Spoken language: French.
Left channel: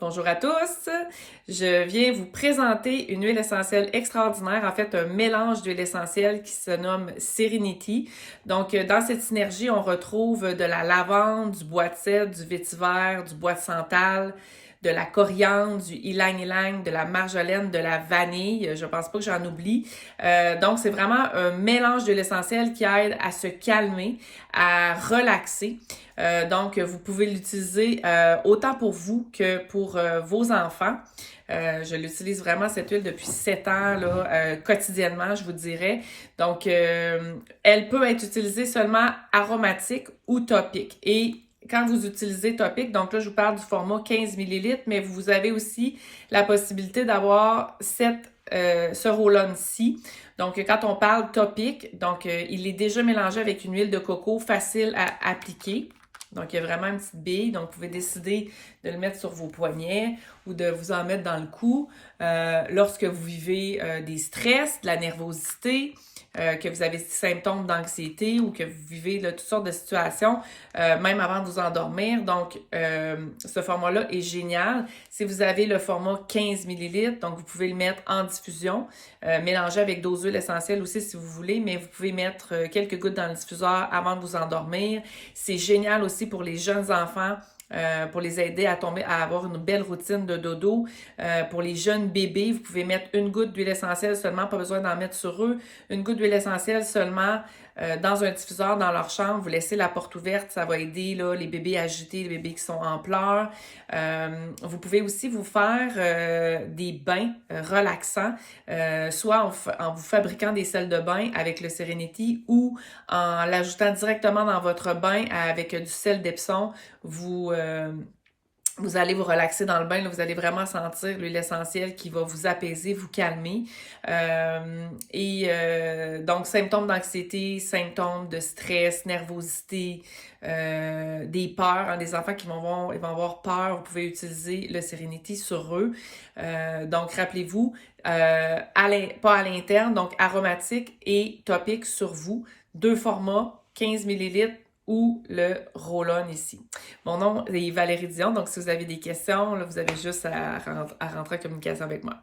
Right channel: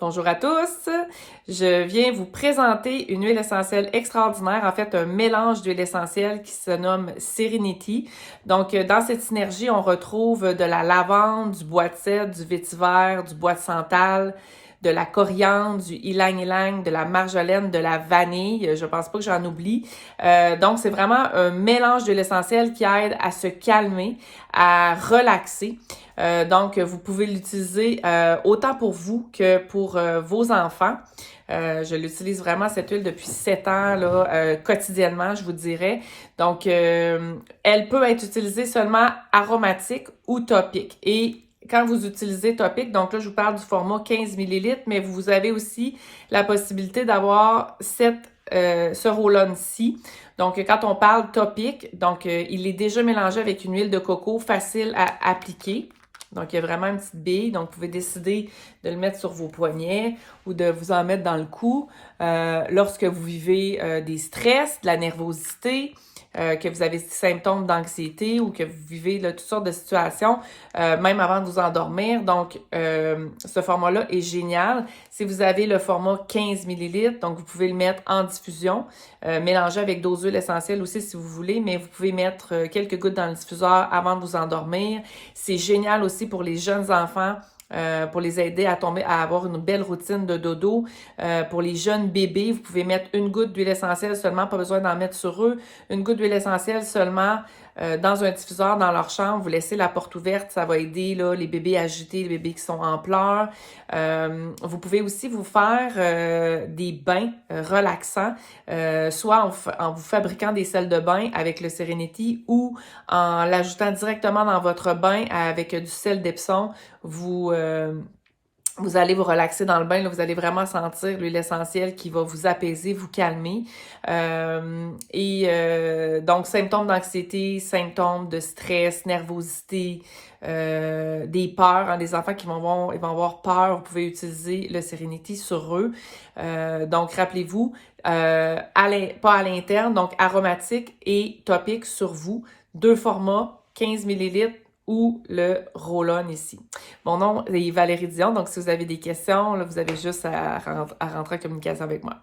Bonjour à tous, je viens vous présenter une huile essentielle extraordinaire, en fait un mélange d'huile essentielle qui se nomme Serenity. Donc dans cette synergie, on retrouve de la lavande, du bois de cèdre, du vétiver, du bois de santal, de la coriandre, du ylang-ylang, de la marjolaine, de la vanille, je pense pas que j'en oublie. Donc c'est vraiment un mélange d'huile essentielle qui aide à se calmer, à relaxer. Donc, vous pouvez l'utiliser autant pour vous que pour vos enfants. Je l'utilise vraiment, cette huile, depuis 7 ans, là, quotidiennement, je vous dirais. Donc, elle peut être utilisée seulement aromatique ou topique. Et quand vous utilisez topique, donc là, je vous parle du format 15 millilitres, mais vous avez aussi la possibilité d'avoir ce roll-on-ci. Donc, quand on parle topique, donc il est déjà mélangé avec une huile de coco facile à appliquer. Donc, il y a vraiment une petite bille. Donc, vous pouvez décider de le mettre sur vos poignets ou de vous en mettre dans le cou lorsque vous vivez des stress, de la nervosité, que vous avez des symptômes d'anxiété ou que vous vivez là, toutes sortes de situations, même avant de vous endormir. Donc, ce format-là est génial. Si vous avez le format 15 millilitres, donc vous pouvez le mettre en diffusion, mélanger avec d'autres huiles essentielles aussi si vous voulez, mais vous pouvez mettre quelques gouttes dans le diffuseur avant de vous endormir. C'est génial aussi pour les jeunes enfants. Pour les aider à avoir une belle routine de dodo. Pour les jeunes bébés, vous pouvez mettre une goutte d'huile essentielle seulement, pas besoin d'en mettre sur eux. Une goutte d'huile essentielle seulement dans un diffuseur dans leur chambre. Vous laissez la porte ouverte, ça va aider là, les bébés agités, les bébés qui sont en pleurs. Vous pouvez aussi vous faire des bains relaxants, soit en vous fabriquant des sels de bain avec le Serenity ou en l'ajoutant directement dans votre bain avec du sel d'Epsom. Vous allez vous relaxer dans le bain, là, vous allez vraiment sentir l'huile essentielle qui va vous apaiser, vous calmer. Donc, symptômes d'anxiété, symptômes de stress, nervosité, des peurs, hein, des enfants ils vont avoir peur, vous pouvez utiliser le Serenity sur eux. Donc, rappelez-vous, pas à l'interne, donc aromatique et topique sur vous. 2 formats, 15 millilitres ou le roll-on ici. Mon nom est Valérie Dion, donc si vous avez des questions, là, vous avez juste à rentrer en communication avec moi.